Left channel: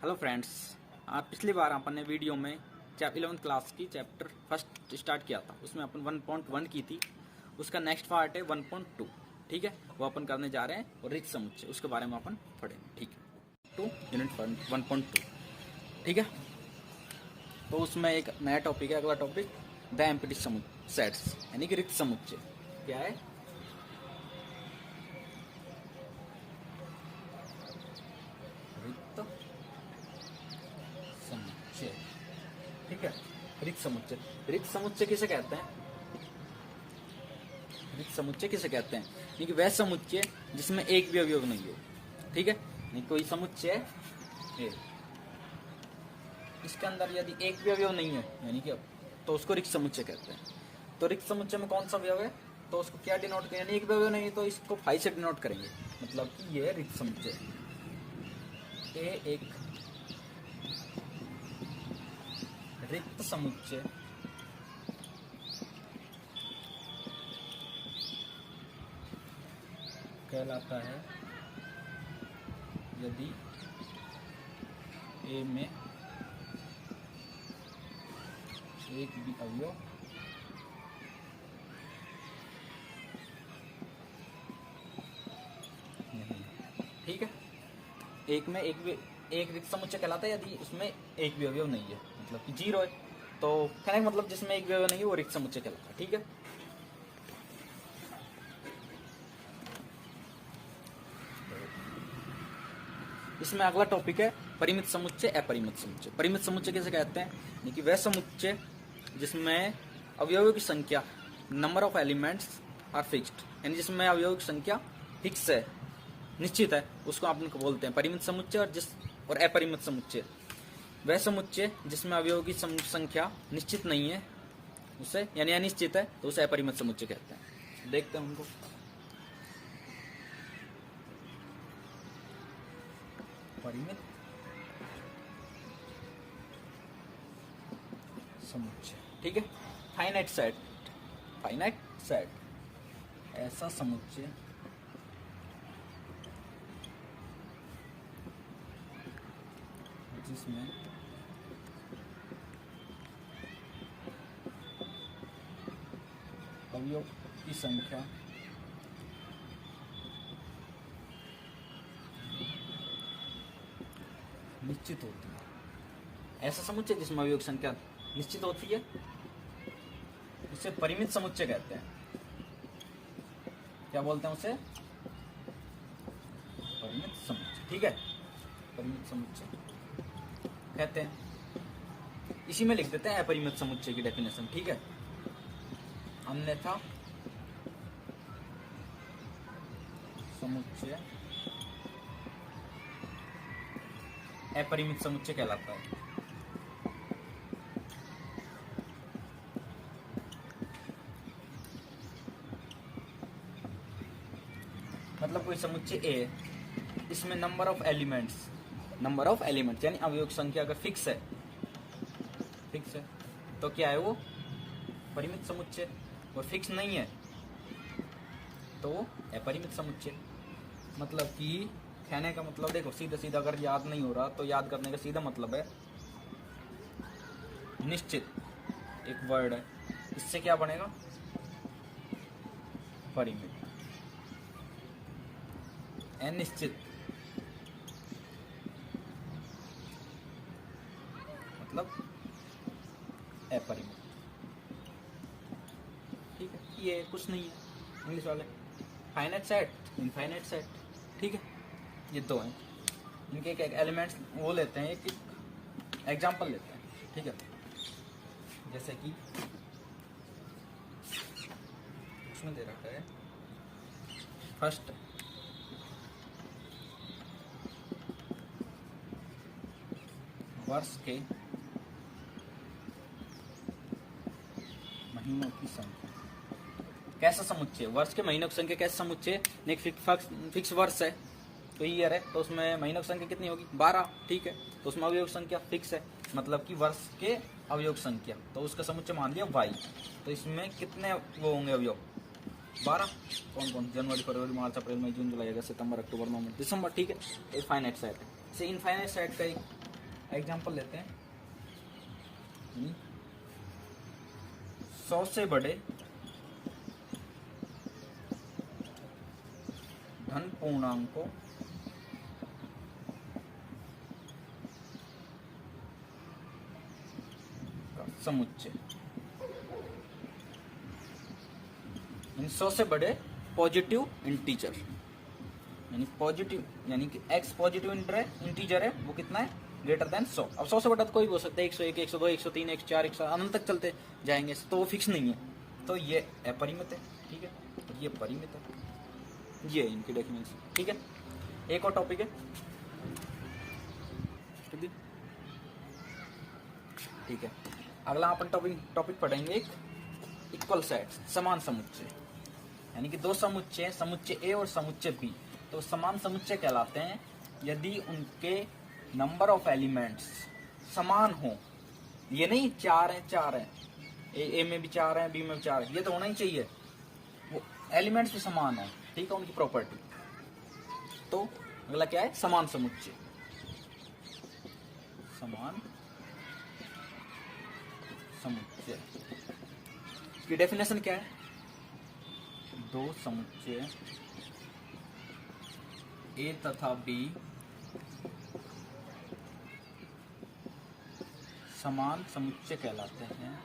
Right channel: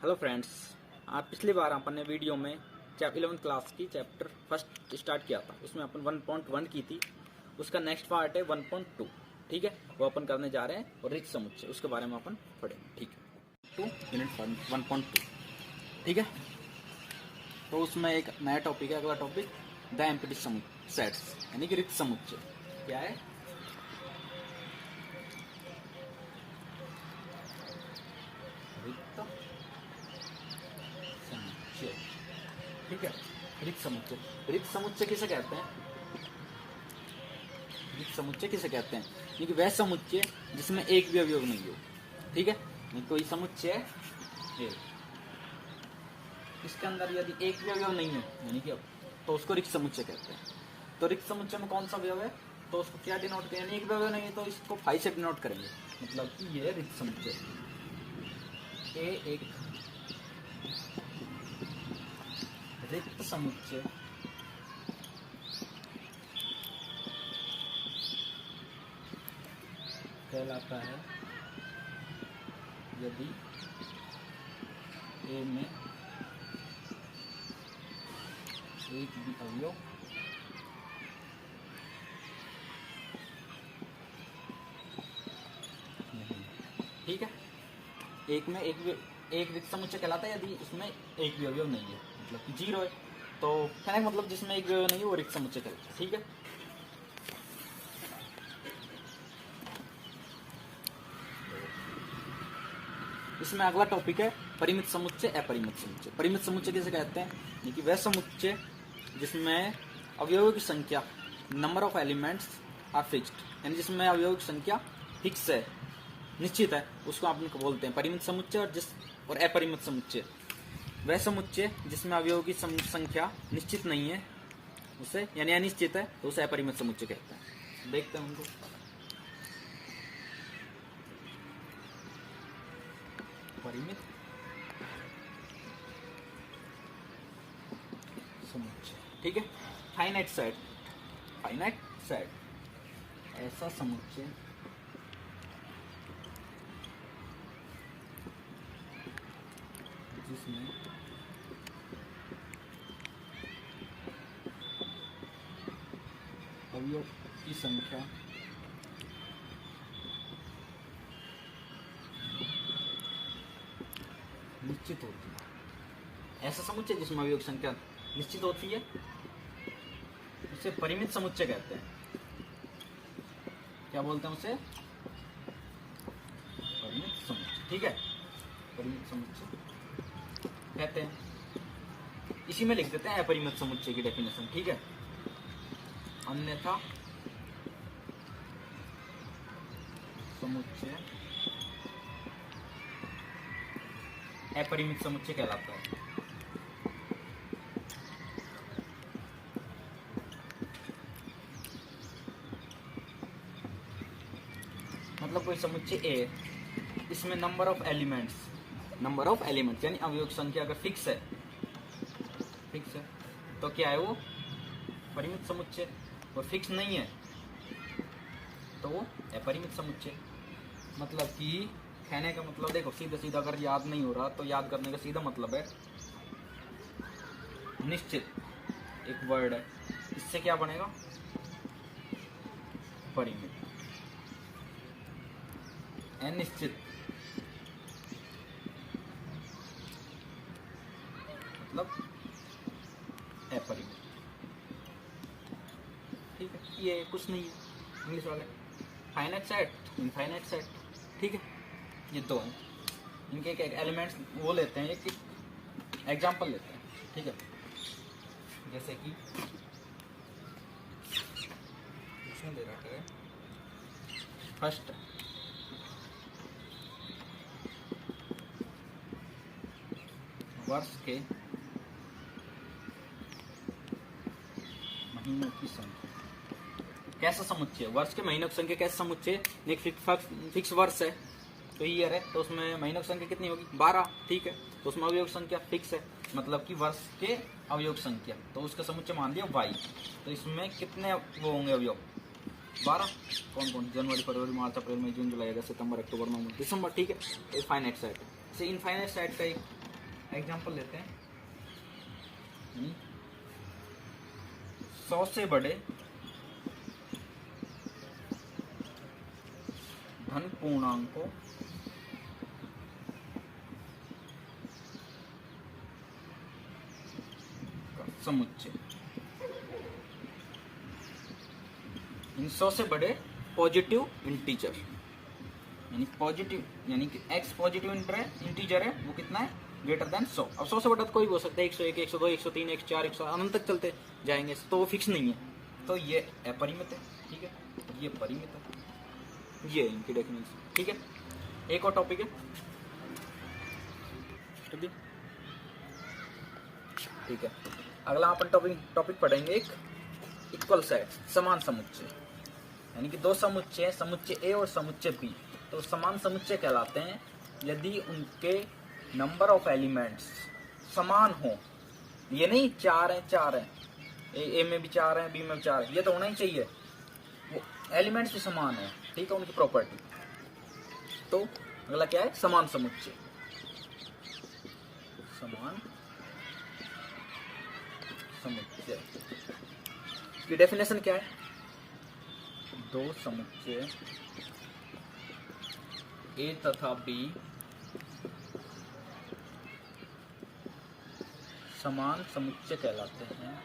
Hello friends, आप पिछली बार अपने वीडियो में 11th क्लास की चैप्टर फर्स्ट स्टार्ट किया था। उसमें अपन 1.1 की थी। उसका नेक्स्ट पार्ट है 1.2। ठीक है, वो अपन करने जा रहे हैं और रिक्त समुच्चय उसके बारे में अपन पढ़ेंगे। ठीक है, 1.2। ठीक है, तो उसमें एक नया टॉपिक है, अगला टॉपिक द एम्प्टी सेट्स यानी कि रिक्त समुच्चय। क्या है? रिक्त समुच्चय। ठीक है, रिक्त समुच्चय। रिक्त समुच्चय किसे कहते हैं? रिक्त समुच्चय किसे कहते हैं? यानी कि वह समुच्चय जिसमें एक भी अवयव नहीं हो। ठीक है, नहीं कोई समुच्चय है, इसके अंदर यदि एक भी अवयव नहीं है यानी कि तो उसको रिक्त समुच्चय कहते हैं। तो रिक्त समुच्चय में कौन सा अवयव है तो उसको क्या डिनोट करेंगे? एक भी अवयव नहीं है तो इसको फाई से डिनोट करेंगे। मतलब कि ये रिक्त समुच्चय ए एक रिक्त समुच्चय कहलाता है यदि ए में एक भी अवयव नहीं। ठीक है, एक रिक्त समुच्चय कहलाता है यदि उसमें एक भी अवयव नहीं है, मतलब कि जीरो है। तो कहने का मतलब जिसमें एक भी अवयव नहीं है वो रिक्त समुच्चय कहलाता है। ठीक है, इसमें अगला टॉपिक है परिमित समुच्चय, अपरिमित समुच्चय। परिमित समुच्चय किसे कहते हैं? यानी कि वह समुच्चय जिसमें अवयवों की संख्या number of elements are fixed, यानी जिसमें अवयवों की संख्या फिक्स है, निश्चित है, उसको आप बोलते हैं परिमित समुच्चय। और अपरिमित समुच्चय वह समुच्चय जिसमें अवयवों की संख्या निश्चित नहीं है, उसे यानी अनिश्चित है, तो उसे अपरिमित समुच्चय कहते हैं। देखते हैं उनको। परिमित समुच्चय। ठीक है, फाइनाइट सेट ऐसा समुच्चय जिसमें अवयव की संख्या निश्चित होती है। ऐसा समुच्चय जिसमें अवयव की संख्या निश्चित होती है उसे परिमित समुच्चय कहते हैं। क्या बोलते हैं उसे? परिमित समुच्चय। ठीक है, परिमित समुच्चय कहते हैं। इसी में लिख देते हैं अपरिमित समुच्चय की डेफिनेशन। ठीक है, अन्यथा समुच्चय अपरिमित समुच्चय कहलाता है। मतलब कोई समुच्चय ए, इसमें नंबर ऑफ एलिमेंट्स यानी अवयव की संख्या अगर फिक्स है तो क्या है वो? परिमित समुच्चय। और फिक्स नहीं है तो वो अपरिमित समुच्चय। मतलब कि कहने का मतलब देखो, सीधा अगर याद नहीं हो रहा तो याद करने का सीधा मतलब है निश्चित, एक वर्ड है, इससे क्या बनेगा? परिमित। अनिश्चित मतलब अपरिमित। ठीक है, ये कुछ नहीं है इंग्लिश वाले। Finite set, infinite set. ठीक है, ये दो हैं, इनके एक एलिमेंट्स वो लेते हैं, एक एग्जांपल लेते हैं। ठीक है, जैसे कि उसमें दे रखा है फर्स्ट वर्ष के महीनों की संख्या। कैसा समुच्चय? वर्ष के महीनों की संख्या कैसा समुच्चय? एक फिक्स वर्ष है तो ईयर है, तो उसमें महीनों की संख्या कितनी होगी? 12। ठीक है, तो उसमें अवयव संख्या फिक्स है, मतलब कि वर्ष के अवयव संख्या, तो उसका समुच्चय मान दिया y। तो इसमें कितने वो होंगे अवयव? 12। कौन कौन? जनवरी, फरवरी, मार्च, अप्रैल, मई, जून, जुलाई, अगस्त, सितंबर, अक्टूबर, नवंबर, दिसंबर। ठीक है, एक फाइनाइट सेट है। इनफाइनाइट सेट का एक एग्जाम्पल लेते हैं 100 से बड़े धन पूर्णांकों समुच्चय, 100 से बड़े पॉजिटिव इंटीजर, यानी पॉजिटिव यानी कि x पॉजिटिव इंटीजर है, वो कितना है, ग्रेटर देन 100। अब 100 से बड़ा तो कोई भी हो सकता है, 101, 102, 103, 104, 100 अनंत तक चलते जाएंगे, तो वो फिक्स नहीं है। तो ये अपरिमित है, ठीक है, ये परिमित है, ये इनकी डेफिनेशन, ठीक है। एक और टॉपिक है, ठीक है। अगला अपन टॉपिक पढ़ेंगे एक इक्वल सेट, समान समुच्चय, यानी कि दो समुच्चय हैं, समुच्चय ए और समुच्चय बी, तो समान समुच्चय कहलाते हैं यदि उनके नंबर ऑफ एलिमेंट्स समान हो। ये नहीं 4 है, ए में भी 4 है, बी में भी 4 है, ये तो होना ही चाहिए, वो एलिमेंट्स भी समान है, ठीक है, उनकी प्रॉपर्टी। तो अगला क्या है, समान समुच्चय, समान समुच्चय की डेफिनेशन क्या है, दो समुच्चय ए तथा बी समान समुच्चय कहलाते हैं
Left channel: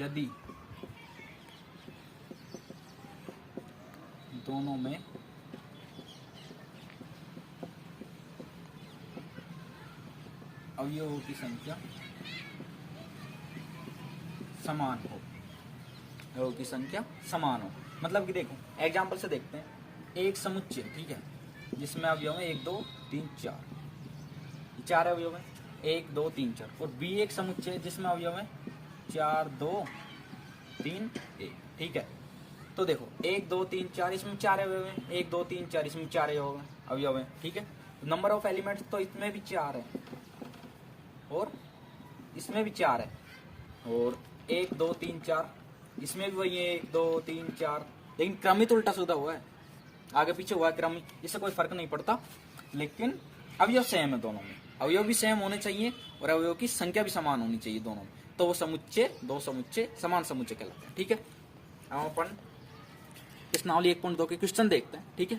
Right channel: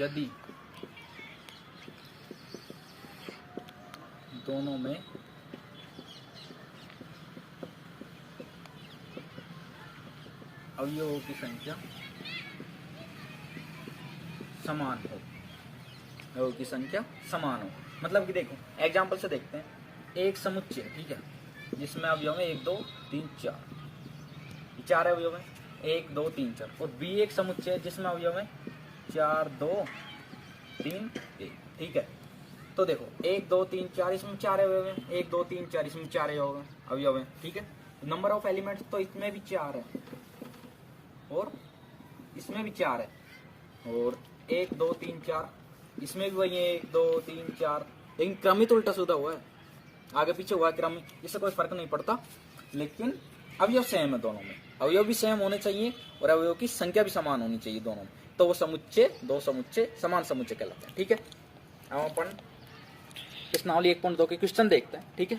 यदि दोनों में अवयवों की संख्या समान हो, अवयवों की संख्या समान हो। मतलब कि देखो एग्जांपल से देखते हैं, एक समुच्चय, ठीक है, जिसमें अवयव है 1 2 3 4, ये 4 अवयव है, 1 2 3 4, और बी एक समुच्चय है जिसमें अवयव है 4 2 3 1, ठीक है। तो देखो 1 2 3 4 इसमें 4 अवयव है, 1 2 3 4 इसमें 4 अवयव है, ठीक है। नंबर ऑफ एलिमेंट्स तो इसमें भी 4 है और इसमें भी 4 है, और 1 2 3 4 इसमें भी वही है, 1 2 3 4, लेकिन क्रमित उल्टा सीधा हुआ है, आगे पीछे हुआ क्रमित, इससे कोई फर्क नहीं पड़ता, लेकिन अवयव सेम है दोनों में, अवयव भी सेम होने चाहिए और अवयव की संख्या भी समान होनी चाहिए दोनों में, तो वो समुच्चय, दो समुच्चय समान समुच्चय कहलाते हैं, ठीक है। अब अपन प्रश्नावली 1.2 के क्वेश्चन देखते हैं, ठीक है।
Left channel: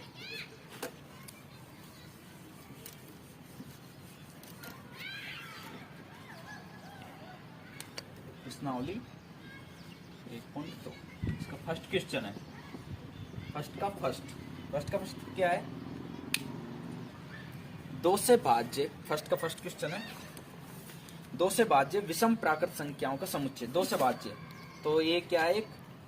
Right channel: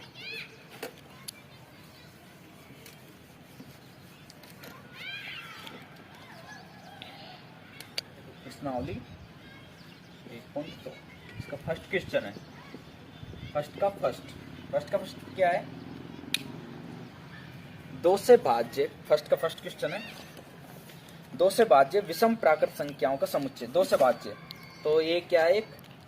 प्रश्नावली 1.2, इसका फर्स्ट क्वेश्चन है, फर्स्ट का फर्स्ट क्या है, 2 से भाज्य, फर्स्ट क्वेश्चन है, 2 से भाज्य विषम प्राकृत संख्याओं का समुच्चय, 2 से भाज्य, तो ये क्या है,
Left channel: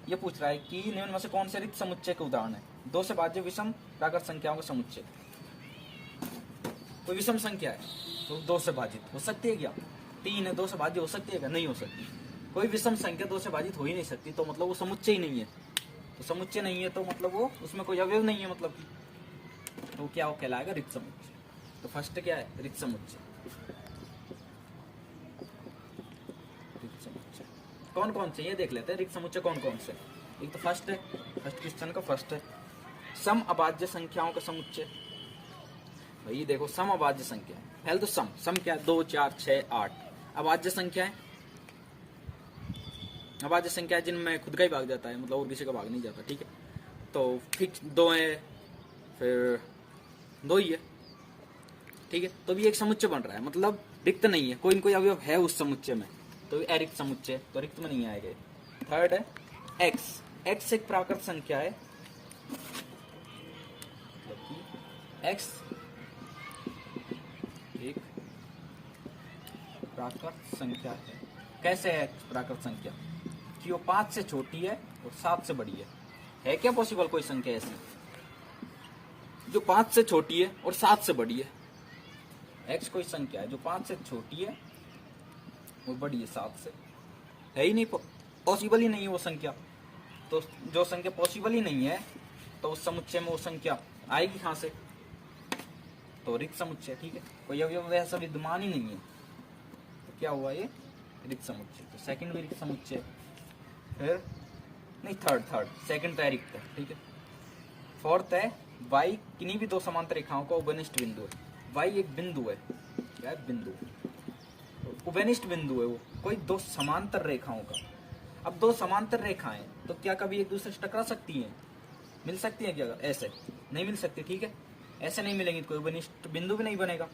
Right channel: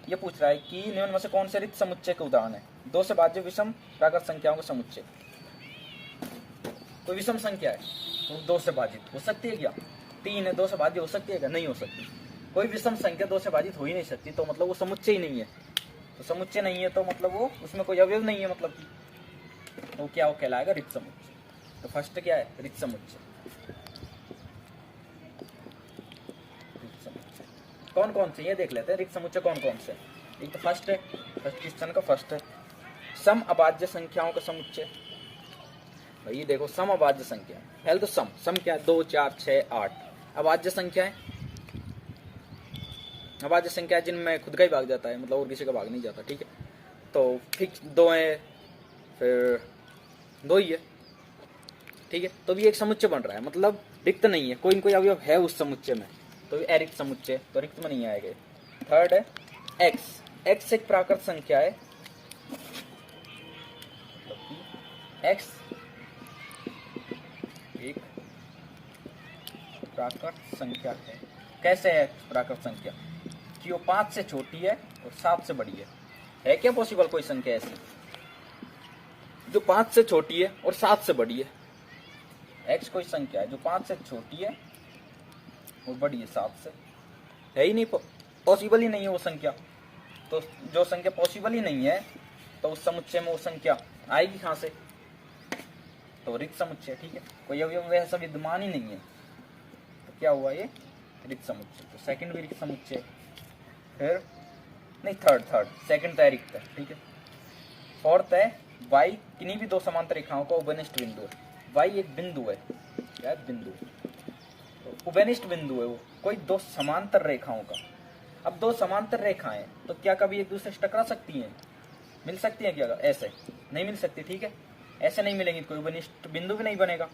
ये पूछ रहा है कि निम्न में से कौन से रिक्त समुच्चय के उदाहरण है, 2 से भाज्य विषम प्राकृत संख्याओं का समुच्चय। तो विषम संख्या है तो 2 से भाजित हो सकती है क्या, 3 है, 2 से भाज्य हो सकती है क्या, नहीं हो सकती, कोई विषम संख्या 2 से भाजित हो ही नहीं सकती, तो मतलब वो समुच्चय ही नहीं है, तो समुच्चय नहीं है तो मतलब वो उसमें कोई अवयव नहीं है, मतलब कि तो क्या वो कहलाएगा, रिक्त समुच्चय। तो फर्स्ट क्या है, रिक्त समुच्चय। कौन कौन से ये देख लेते हैं, रिक्त समुच्चय कौन कौन से, एक तो फर्स्ट है, फर्स्ट क्वेश्चन का फर्स्ट है, सम अभाज्य संख्याओं का समुच्चय। भाई देखो सम अभाज्य संख्या, पहले तो सम क्या है, 2 4 6 8, अभाज्य संख्या है, अभाज्य संख्या जिनमें खुद का ही भाग जाता है, मतलब और किसी का भाग नहीं जाता, ठीक है। तो फिक्स 2 है, फिर 2 ही है, ठीक है, तो भी एक समुच्चय बन रहा है, मतलब रिक्त नहीं है, कोई अवयव है उस समुच्चय में, तो अरिक्त समुच्चय, तो रिक्त में नहीं आएगा। थर्ड है एक्स एक प्राकृत संख्या है, एक्स एक प्राकृत संख्या है। कैसे है प्राकृत संख्या, कि वो 5 से छोटी है और 7 से बड़ी है क्या पॉसिबल कोई संख्या ऐसी जो 5 से छोटी है और 7 से बड़ी है, एक्स कोई संख्या है जो 5 से छोटी है वो बड़ी है 7 से, है ही नहीं, पॉसिबल ही नहीं है वो संख्या, तो जो संख्या पॉसिबल ही नहीं है तो उस समुच्चय में वो संख्या आएगी कहां से, तो रिक्त समुच्चय, ठीक है, कोई अवयव वैसा विद्यमान ही नहीं है, तो क्या हुआ ये रिक्त समुच्चय। तो सेकंड भी रिक्त समुच्चय, फिर नहीं थर्ड सेकंड तो रिक्त है, ठीक है, फोर्थ है y किन्हीं भी दो समांतर रेखाओं का उभयनिष्ठ बिंदु है। y एक बिंदु है, क्या है? बिंदु, उभयनिष्ठ बिंदु है वो, कोई दो समांतर रेखाओं का। अब दो समांतर रेखाएं तो क्या कभी एक दूसरे से टकरा सकती हैं? मिल सकती है क्या? ऐसे नहीं मिल सकती, ठीक है। ऐसे नहीं मिलेंगी तो कोई उभयनिष्ठ बिंदु भी नहीं बनेगा।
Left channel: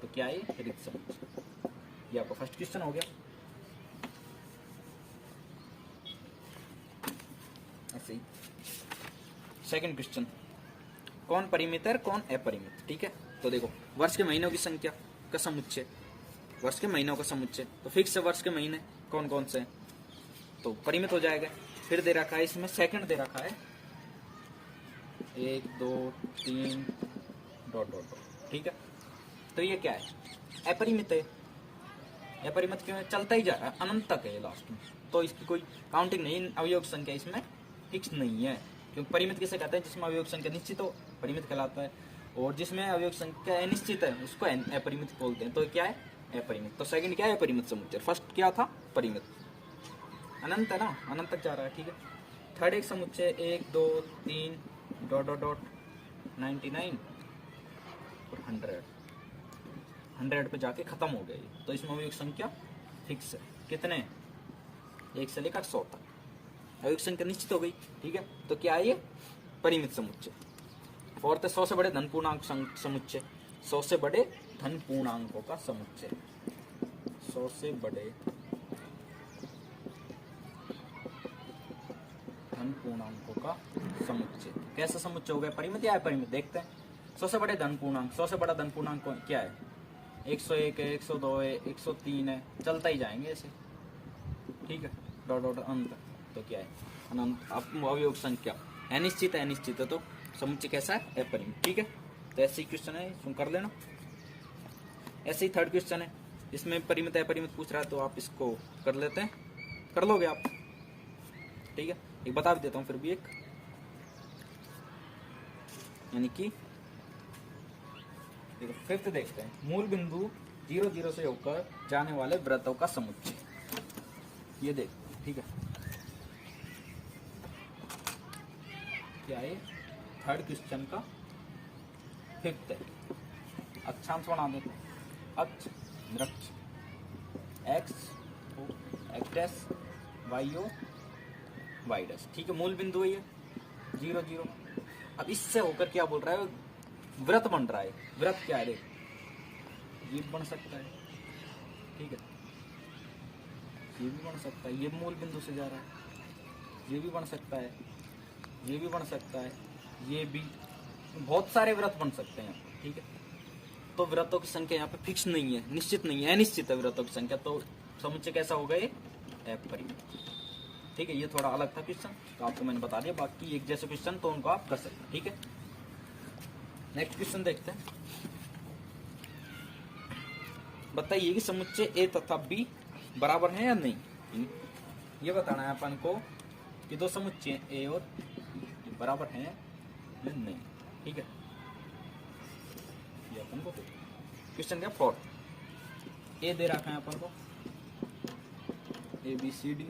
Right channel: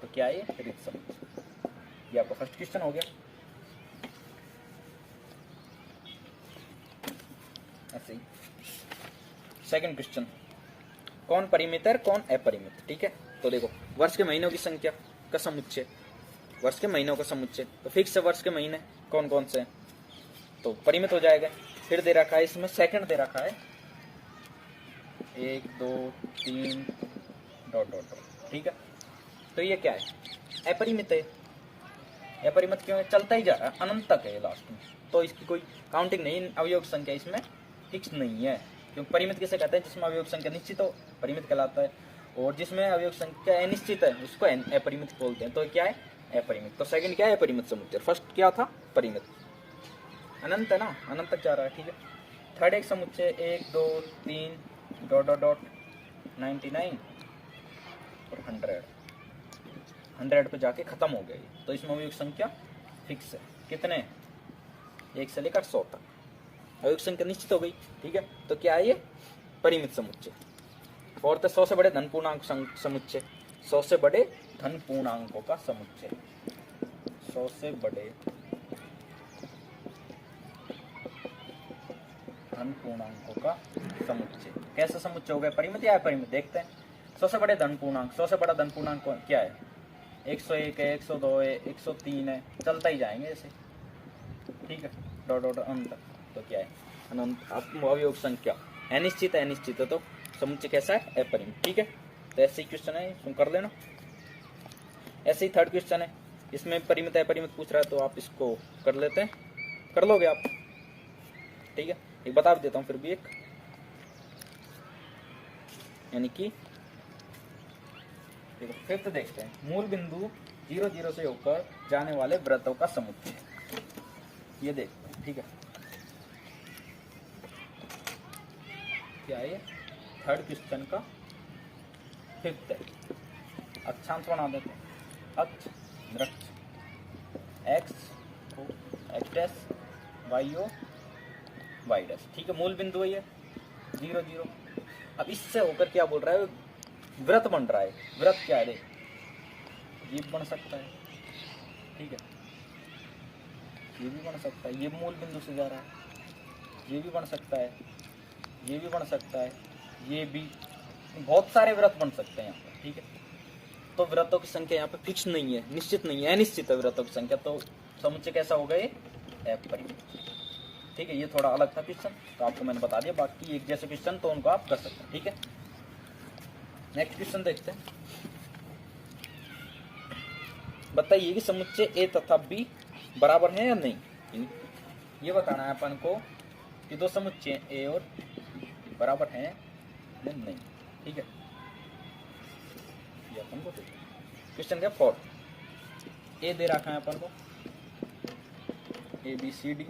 तो क्या है? ऋत समुच्चय। ये आपका फर्स्ट क्वेश्चन हो गया। ऐसे ही सेकंड क्वेश्चन, कौन परिमित है कौन अपरिमित, ठीक है। तो देखो, वर्ष के महीनों की संख्या का समुच्चय, वर्ष के महीनों का समुच्चय, तो फिक्स है वर्ष के महीने कौन कौन से हैं, तो परिमित हो जाएगा। फिर दे रखा है इसमें सेकंड दे रखा है 1 2 3 डॉट डॉट डॉट, ठीक है। तो ये क्या है? अपरिमित है। अपरिमित क्यों है? चलता ही जा रहा है, अनंत तक है लास्ट में, तो इसकी कोई काउंटिंग नहीं, अवयव संख्या इसमें फिक्स नहीं है। क्योंकि परिमित किसे कहते हैं? जिसमें अवयव संख्या निश्चित हो, परिमित कहलाता है। और जिसमें अवयव संख्या अनिश्चित है उसको अपरिमित बोलते हैं। तो क्या है? अपरिमित। तो सेकंड क्या है? अपरिमित समुच्चय। फर्स्ट क्या था? परिमित। अनंत है ना, अनंत तक जा रहा है, ठीक है। थर्ड एक समुच्चय 1 2 3 डॉट डॉट डॉट 99 और 100 पे जाके खत्म हो गई। तो इसमें अवयव संख्या फिक्स है। कितने? 1 से लेकर 100 तक अवयव संख्या निश्चित हो गई, ठीक है। तो क्या है? ये परिमित समुच्चय। फोर्थ 100 से बड़े धन पूर्णांक समुच्चय, 100 से बड़े धन पूर्णांकों का समुच्चय, 100 से बड़े धन पूर्णांकों का समुच्चय। कैसा समुच्चय हो गया? परिमित या अपरिमित? देखते हैं। 100 से बड़े धन पूर्णांक, 100 से बड़ा धन पूर्णांक क्या है? 101 है, 102 है, 103 है, चलता ही जाएंगे ऐसे, ठीक है, डॉट डॉट अंत। तो क्या है? अवयव संख्या अनिश्चित है, अनिश्चित है तो समुच्चय कैसा है? अपरिमित, ठीक है। तो ऐसे ही क्वेश्चन है, सुन कर लेना। ऐसे ही थर्ड क्वेश्चन है, इसमें परिमित अपरिमित पूछ रहा है, तो आप इसको कर लेते हैं, कर लोगे आप, ठीक है। एक बता देता हूं फिर भी, एक यानी कि फिफ्थ देखते हैं, मूल बिंदु 0 0 से होकर जाने वाले वृत्तों का समुच्चय। ये देखते हैं, ठीक है। क्या है? थर्ड क्वेश्चन का फिफ्थ है। अक्षांश बना देते हैं। अक्ष वृक्ष, x x y o y dash, ठीक है। मूल बिंदु है ये 0 0। अब इससे होकर क्या बोल रहा है? वृत्त बन रहा है। वृत्त क्या है? ये बन सकता है, ठीक है, ये भी बन सकता है, ये मूल बिंदु से जा रहा है, ये भी बन सकता है, ये भी बन सकता है, ये भी, बहुत सारे वृत्त बन सकते हैं, ठीक है। तो वृत्तों की संख्या यहाँ पे फिक्स नहीं है, निश्चित नहीं है, अनिश्चित है वृत्तों की संख्या। तो समुच्चय कैसा हो गए? अपरिमित, ठीक है। ये थोड़ा अलग था क्वेश्चन, तो आपको मैंने बता दिया। बाकी एक जैसे क्वेश्चन तो उनको आप कर सकते हैं, ठीक है। नेक्स्ट क्वेश्चन देखते हैं। बताइए कि समुच्चय ए तथा बी बराबर है या नहीं। ये बताना है अपन को कि दो समुच्चय ए और बी बराबर हैं या नहीं, ठीक है। ये अपन को क्वेश्चन क्या? फोर्थ ए दे रखा है अपन को A B C D,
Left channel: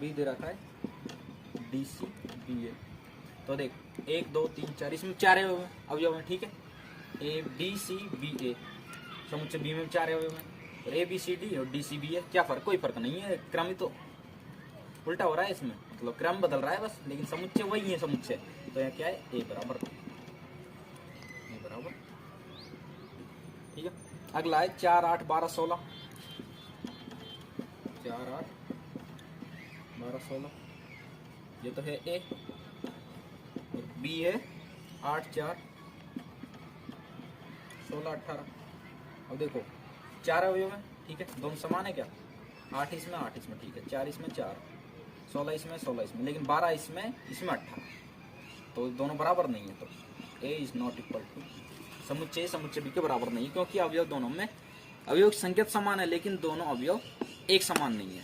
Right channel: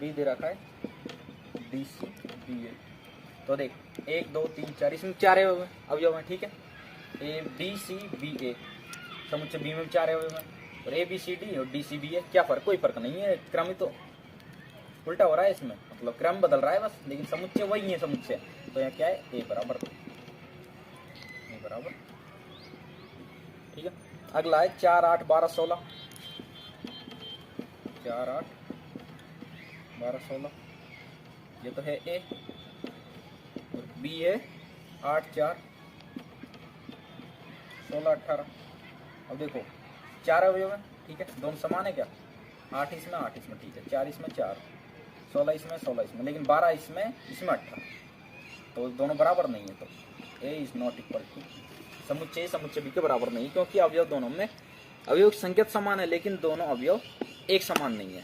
B दे रखा है डी सी बी ए। तो देख 1 2 3 4, इसमें 4 अवयव हैं, ठीक है। ए बी सी बी ए, समुच्चय बी में 4 अवयव हैं, और ए बी सी डी और डी सी बी ए। क्या फर्क? कोई फर्क नहीं है, क्रम ही तो उल्टा हो रहा है इसमें, मतलब क्रम बदल रहा है बस, लेकिन समुच्चय वही है समुच्चय। तो यहाँ क्या है? ए बराबर, ठीक है। अगला है 4 8 12 16, 4 8 12 16, ये तो है ए, बी है 8 4 16 18। अब देखो 4 अवयव है, ठीक है, दोनों समान है क्या? 8 इसमें 8 इसमें, ठीक है, 4 इसमें 4, 16 इसमें 16 इसमें, लेकिन 12 इसमें 18, तो दोनों बराबर नहीं है। तो ए इज नॉट इक्वल टू समुच्चय बी के बराबर नहीं, क्योंकि अवयव दोनों में अवयव की संख्या समान है, लेकिन दोनों अवयव एक समान नहीं है,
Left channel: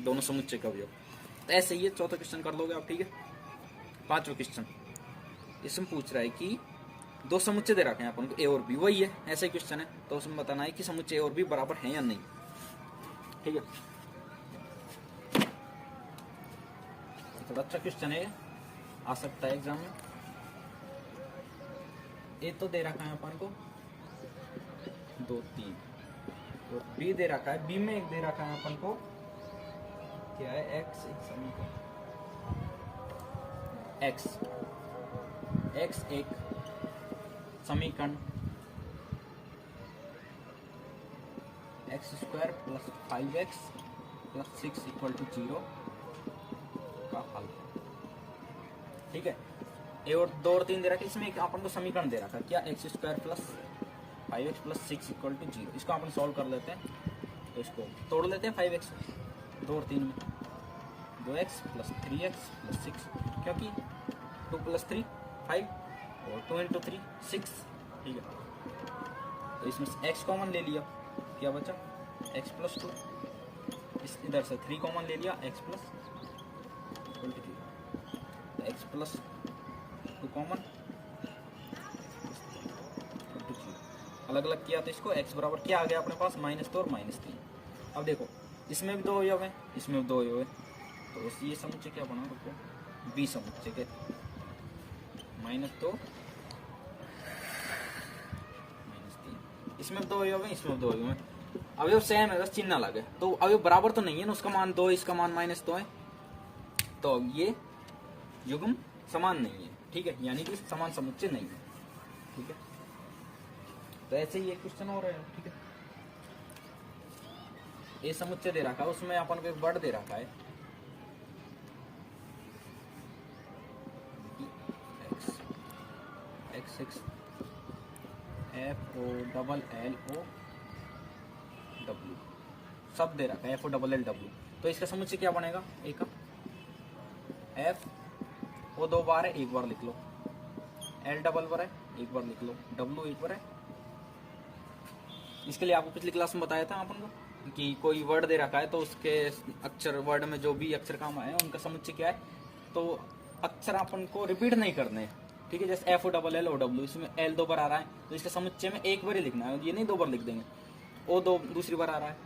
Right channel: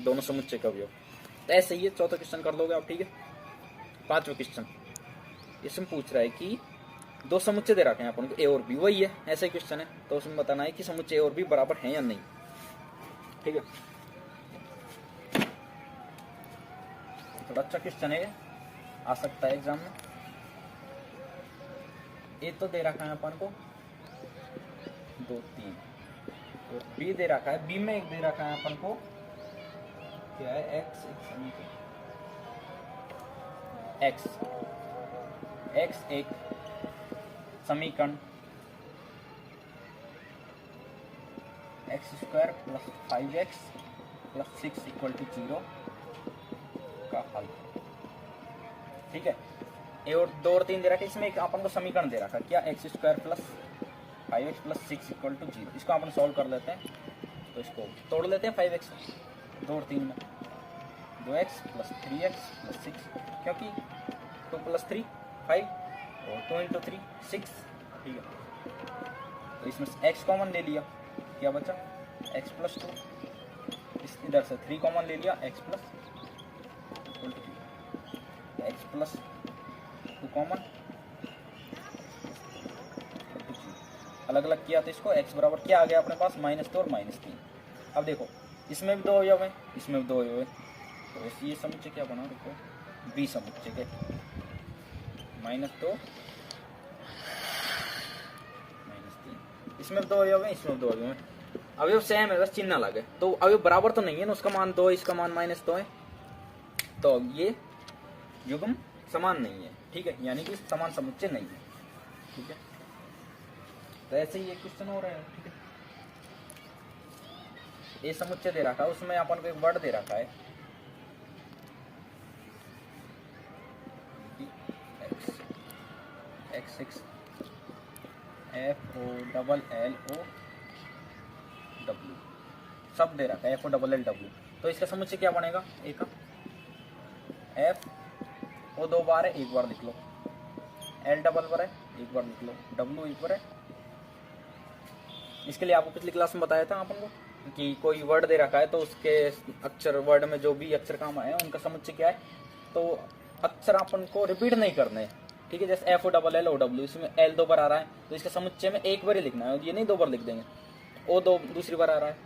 दोनों समुच्चय का अवयव। तो ऐसे ही चौथा क्वेश्चन कर लोगे आप, ठीक है। पांचवा क्वेश्चन इसमें पूछ रहा है कि दो समुच्चय दे रखे हैं अपन को ए और बी, वही है, ऐसे क्वेश्चन है। तो उसमें बताना है कि समुच्चय ए और बी बराबर है या नहीं, ठीक है। थोड़ा अच्छा क्वेश्चन है, आ सकता है एग्जाम में। ए तो दे रखा है अपन को 2 3 और बी दे रखा है, बी में एक दे रखा है अपन को क्या है एक्स, एक समीकरण एक्स एक समीकरण x² + 5x + 6 = 0 का हल। ठीक है, ए और 2 और 3 दे रखा है, इसमें एक अपन को समीकरण दे रखा है क्या x² + 5x + 6 = 0। इसको अपन सॉल्व कर लेते हैं, तो इसको तोड़ लेते हैं 5x 2 और 3 में, 2x + 3x + 6 क्योंकि 2 + 3 5 और 2 × 3 6। ठीक है, तो इसमें x कॉमन ले लिया, क्या बचा x + 2, इस इधर से 3 कॉमन ले लिया x + 2, x + 2 कॉमन, अलग अलग किया तो इसको x बराबर क्या आ गया अपने पास -2 और -3। अब देखो इसमें भी 2 अवयव है, इसमें भी 2 अवयव है, तो ये समुच्चय क्या बना, रुको बी समुच्चय के -2 -3, इसमें 2 अवयव है, इसमें 2 अवयव है, अवयव सेम है बस चिन्ह अलग है, तो अवयव बराबर तो नहीं है ना, उसका मान 2 इसका मान -2 है, तो ये युग्म समान नहीं है। ठीक है, यानी कि समान समुच्चय नहीं है। ठीक है, तो ऐसे ही एक क्वेश्चन हो रहा है। ठीक है, ये समुच्चय दे रखा है, उसमें अपन को एक वर्ड दे रखा है x6 FOLLOW सब दे रखा है FOLLOW, तो इसका समुच्चय क्या बनेगा, एक F वो 2 बार है, एक बार लिख लो, L डबल बार है, एक बार लिख लो, W एक बार है। इसके लिए आपको पिछली क्लास में बताया था अपन को कि कोई वर्ड दे रखा है तो उसके अक्षर, वर्ड में जो भी अक्षर काम आए उनका समुच्चय क्या है, तो अक्षर अपन को रिपीट नहीं करने हैं। ठीक है, जैसे FOLLOW, इसमें L 2 बार आ रहा है तो इसके समुच्चय में एक बार ही लिखना है, ये नहीं 2 बार लिख देंगे, O 2 दूसरी बार आ रहा है,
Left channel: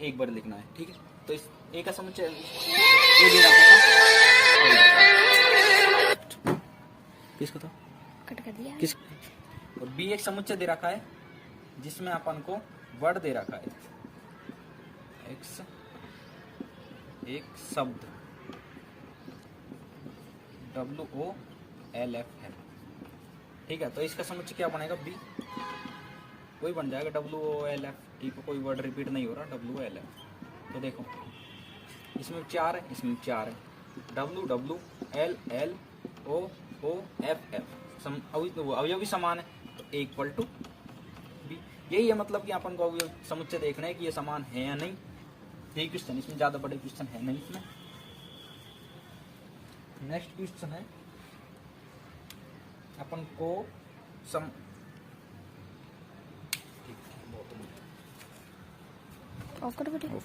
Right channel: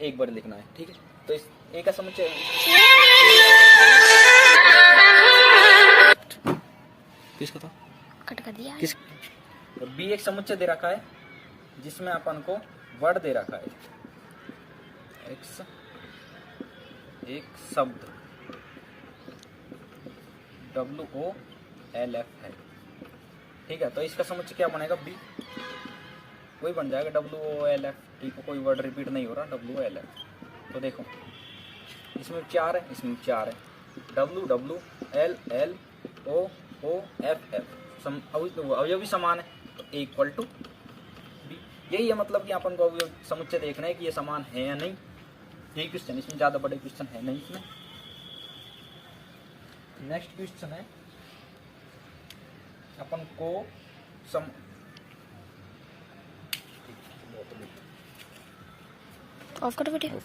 एक बार लिखना है। ठीक है, तो इस ए का समुच्चय किसका था, कट कर दिया किस, और बी एक समुच्चय दे रखा है जिसमें अपन को वर्ड दे रखा है एक्स, एक शब्द WOLF है। ठीक है, तो इसका समुच्चय क्या बनेगा, बी वही बन जाएगा WOLF। ठीक है, कोई वर्ड रिपीट नहीं हो रहा, WOLF। तो देखो इसमें 4 है, इसमें 4 है, WWLLOOFF अवयव भी समान है, तो A = B। यही है मतलब कि अपन को अवयव समुच्चय देखना है कि ये समान है या नहीं। यही क्वेश्चन, इसमें ज्यादा बड़े क्वेश्चन है नहीं। नेक्स्ट क्वेश्चन है अपन को ऑफ कर वीडियो।